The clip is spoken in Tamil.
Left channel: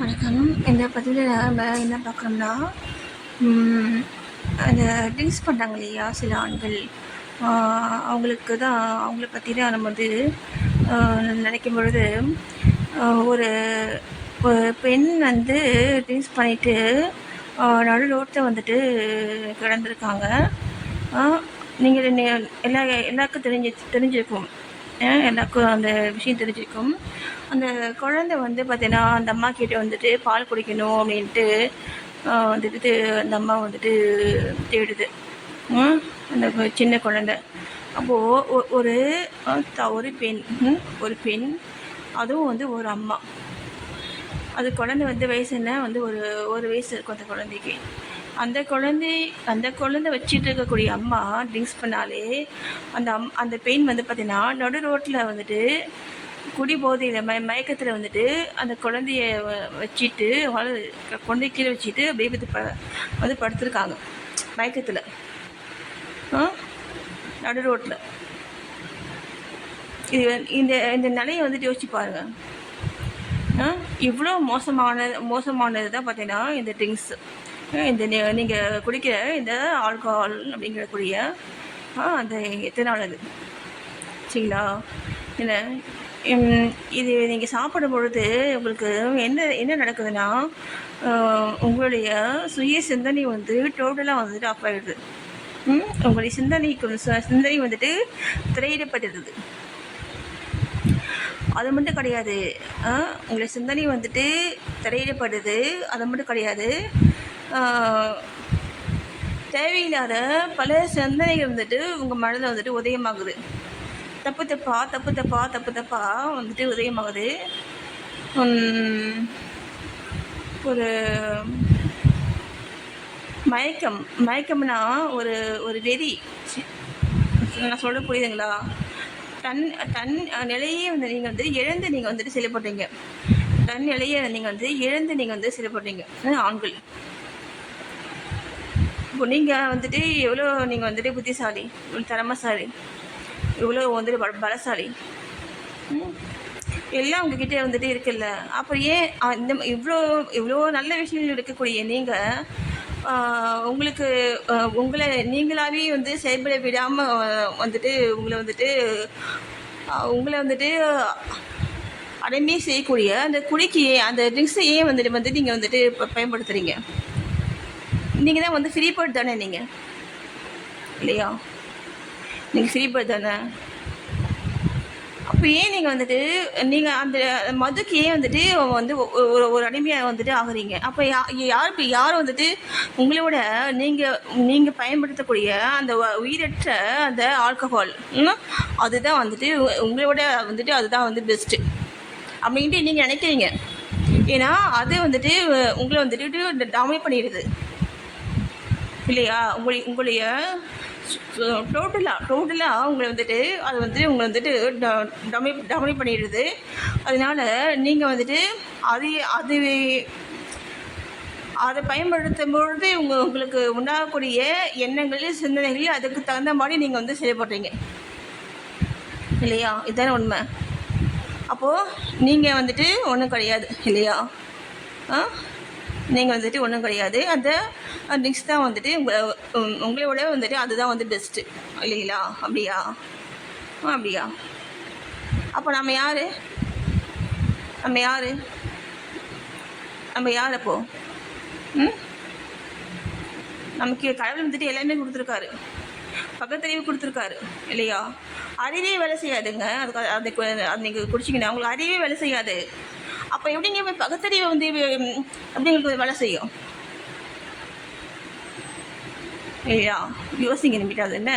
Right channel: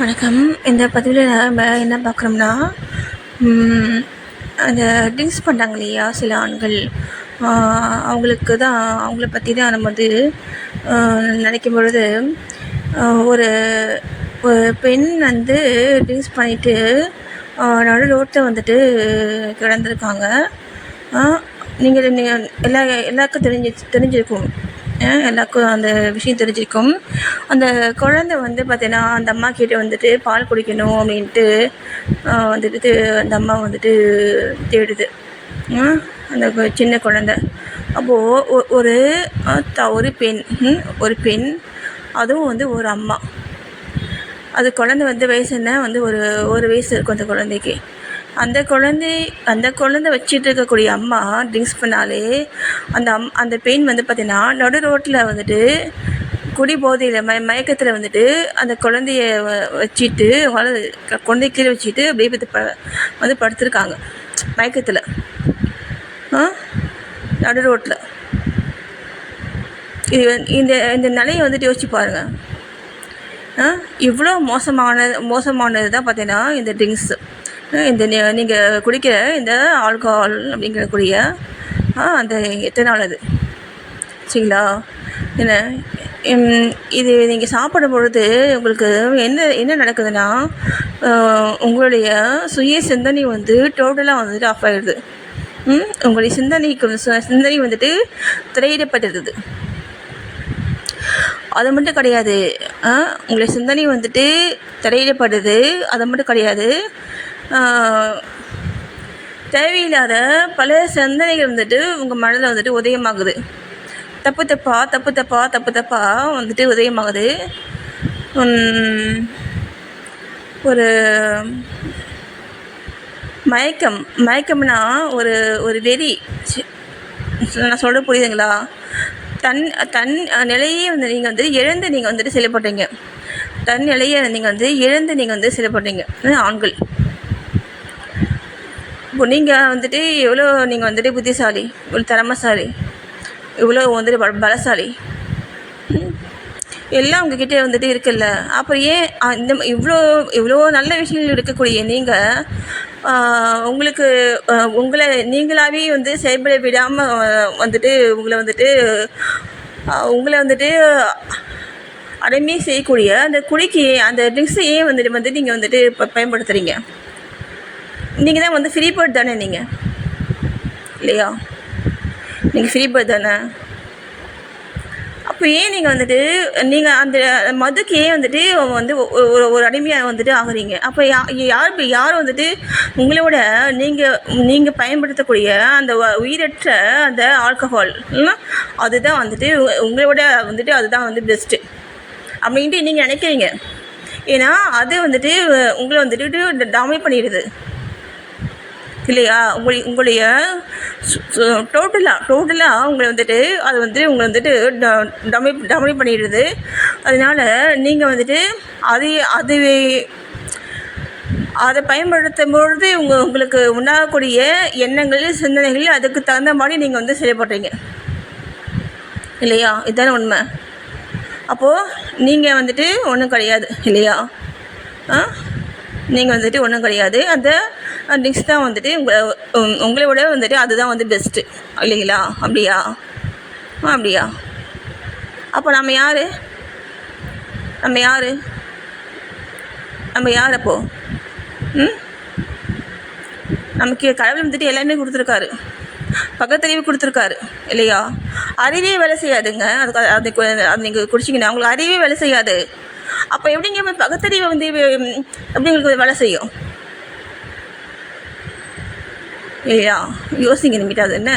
வணக்கம். இந்த பதிவில் நம்ம என்ன பார்க்குறோம்னா, அந்த ட்ரிங்க்ஸ் பண்ணுறாங்க இல்லையா சில ஆண்கள், அவங்களுக்கு தான் அவங்கள பற்றி தான் நம்ம வந்து நினைக்கும் பொழுது, ஒரு ஒரு பெண் வந்து ட்ரிங்க்ஸ் பண்ணிவிட்டு நடு ரோட்டில் வந்துட்டு கிடந்திருக்காங்க. நீங்கள் எல்லாருக்கும் தெரிஞ்சிருக்கும். எல்லாருக்கும் அந்த விஷயம் தெரிஞ்சிருக்கும். அந்த குழந்தை வந்து பார்த்தீங்கன்னா, அந்த அம்மா கிட்ட வந்துட்டு பால் குடிக்கணும் அப்படின்ட்டு வந்துட்டு அந்த அம்மா வந்துட்டு தேடுது. அந்த சின்ன குழந்தை. அப்போது ஒரு பெண் ஒரு பெண், அதுவும் வந்து ஒரு அம்மா. அது குழந்தை வந்து வயசு என்ன வந்து ஒரு வயசு இருக்கும் அந்த குழந்தைக்கு. அந்த குழந்தை வச்சுட்டு இருக்கக்கூடிய அம்மா ட்ரிங்க்ஸ் பண்ணாலே அந்த பெண் வந்து பார்த்தீங்கன்னா நடு ரோட்டில் வந்துட்டு குடி போதையில் மயக்கத்தில் வந்துட்டு அந்த குழந்தைய வச்சுட்டு குழந்தைய கீழே வச்சுட்டு அப்படியே வந்து படுத்துருக்காங்க மயக்கத்தில் நடு ரோட்டில். இது இந்த நிலையை வந்துட்டு யோசிச்சு பாருங்கள். இவ்வளோ மோசமானது தான் பார்த்தீங்கன்னா இந்த ட்ரிங்க்ஸு. இந்த நீங்கள் குடிக்கிற இந்த ஆல்கஹால் அப்படிங்கிறக்கூடிய அந்த எத்தனால் அது சரிங்களா? என்ன இது நீங்கள் சாப்பிடும் பொழுது உங்களுக்கு என்ன நடக்குதுன்னா, உங்களுடைய சுய சிந்தனை வந்து டோட்டலாக வந்துட்டு ஆஃப் ஆகிடுது. உங்களுடைய சிந்தனை வந்துட்டு திரையிடப்பட்டுடுது. அது மட்டும் கிடையாது, உங்களுடைய சிந்தனை வந்துட்டு திரையிடப்படுது. அது மட்டும் கிடையாது, தேவையில்லாத பல சிந்தனைகள் வந்துட்டு உங்கள் மனதில் வந்துட்டு உதயமாகுது. தப்பு தப்பா வந்துட்டு உதயமாகுது. ஒரு மயக்கம்னா ஒரு வெறி. நான் சொல்ல புரியுதுங்களா? தன் நிலையே வந்து நீங்கள் வந்து இழந்து நீங்கள் வந்துட்டு செயல்படுறீங்க. தன் நிலையை நீங்கள் வந்து இழந்து நீங்கள் வந்து செயல்படுறீங்க ஆண்கள். இப்போ நீங்கள் வந்துட்டு எவ்வளோ நீங்கள் வந்துட்டு புத்திசாலி, இவ்வளோ திறமைசாலி, இவ்வளோ வந்துட்டு பலசாலி, எல்லாம் உங்ககிட்ட வந்துட்டு இருக்குல்ல. அப்புறம் ஏன் இந்த இவ்வளோ நல்ல விஷயங்கள் இருக்கக்கூடிய நீங்கள் உங்களை நீங்களாகவே வந்து செயல்பட விடாமல் வந்துட்டு உங்களை வந்துட்டு அடிமை செய்யக்கூடிய அந்த குடிக்கு அந்த ட்ரிங்க்ஸை ஏன் வந்துட்டு நீங்கள் வந்துட்டு பயன்படுத்துகிறீங்க? நீங்கள் தான் வந்து ஃப்ரீ பேர்ட் தானே நீங்கள், இல்லையா? நீங்கள் ஃப்ரீ பேர்ட் தானே. அப்போ ஏன் நீங்கள் அந்த மதுக்கு ஏன் வந்துட்டு வந்து ஒரு அடிமையாக வந்துட்டு ஆகுறீங்க? அப்போ யார் வந்துட்டு உங்களோட நீங்கள் பயன்படுத்தக்கூடிய அந்த உயிரற்ற அந்த ஆல்கஹால் அதுதான் வந்துட்டு உங்களோட வந்துட்டு அதுதான் வந்து பெஸ்ட்டு அப்படின்ட்டு நீங்கள் நினைக்கிறீங்க. ஏன்னா அது வந்துட்டு உங்களை வந்துட்டு டாமினேட் பண்ணிடுது, இல்லையா? உங்களுடைய டோட்டலாக உங்களை வந்துட்டு அது வந்துட்டு உங்களை வந்துட்டு டமினேட் பண்ணிடுது. அதனால் நீங்கள் வந்துட்டு அதை பயன்படுத்தும் பொழுது உங்களுக்கு உண்டாகக்கூடிய எண்ணங்கள், சிந்தனைகள் அதுக்கு தகுந்த மாதிரி நீங்கள் வந்து செயல்படுறீங்க, இல்லையா? இதுதானே உண்மை. அப்போது நீங்கள் வந்துட்டு ஒன்றும் கிடையாது, இல்லையா? நீங்கள் வந்துட்டு ஒன்றும் கிடையாது. அந்த ட்ரிங்க்ஸ் தான் வந்துட்டு உங்களோட வந்துட்டு அதுதான் வந்து பெஸ்ட்டு, இல்லைங்களா? அப்படியா? அப்போ நம்ம யார் அப்போது? நமக்கு கடவுள் வந்துட்டு எல்லாமே கொடுத்துருக்காரு, பக்கத்தறிவு கொடுத்துருக்காரு, இல்லையா? அறிவே வேலை செய்யாதுங்க. அது நீங்கள் குடிச்சிங்கன்னா உங்களுக்கு அறிவே வேலை செய்யாது. அப்போ எப்படிங்க பக்கத்தறிவை வந்து எப்படி உங்களுக்கு வேலை செய்யும், இல்லையா? யோசிங்க நிமிட்டாது என்ன.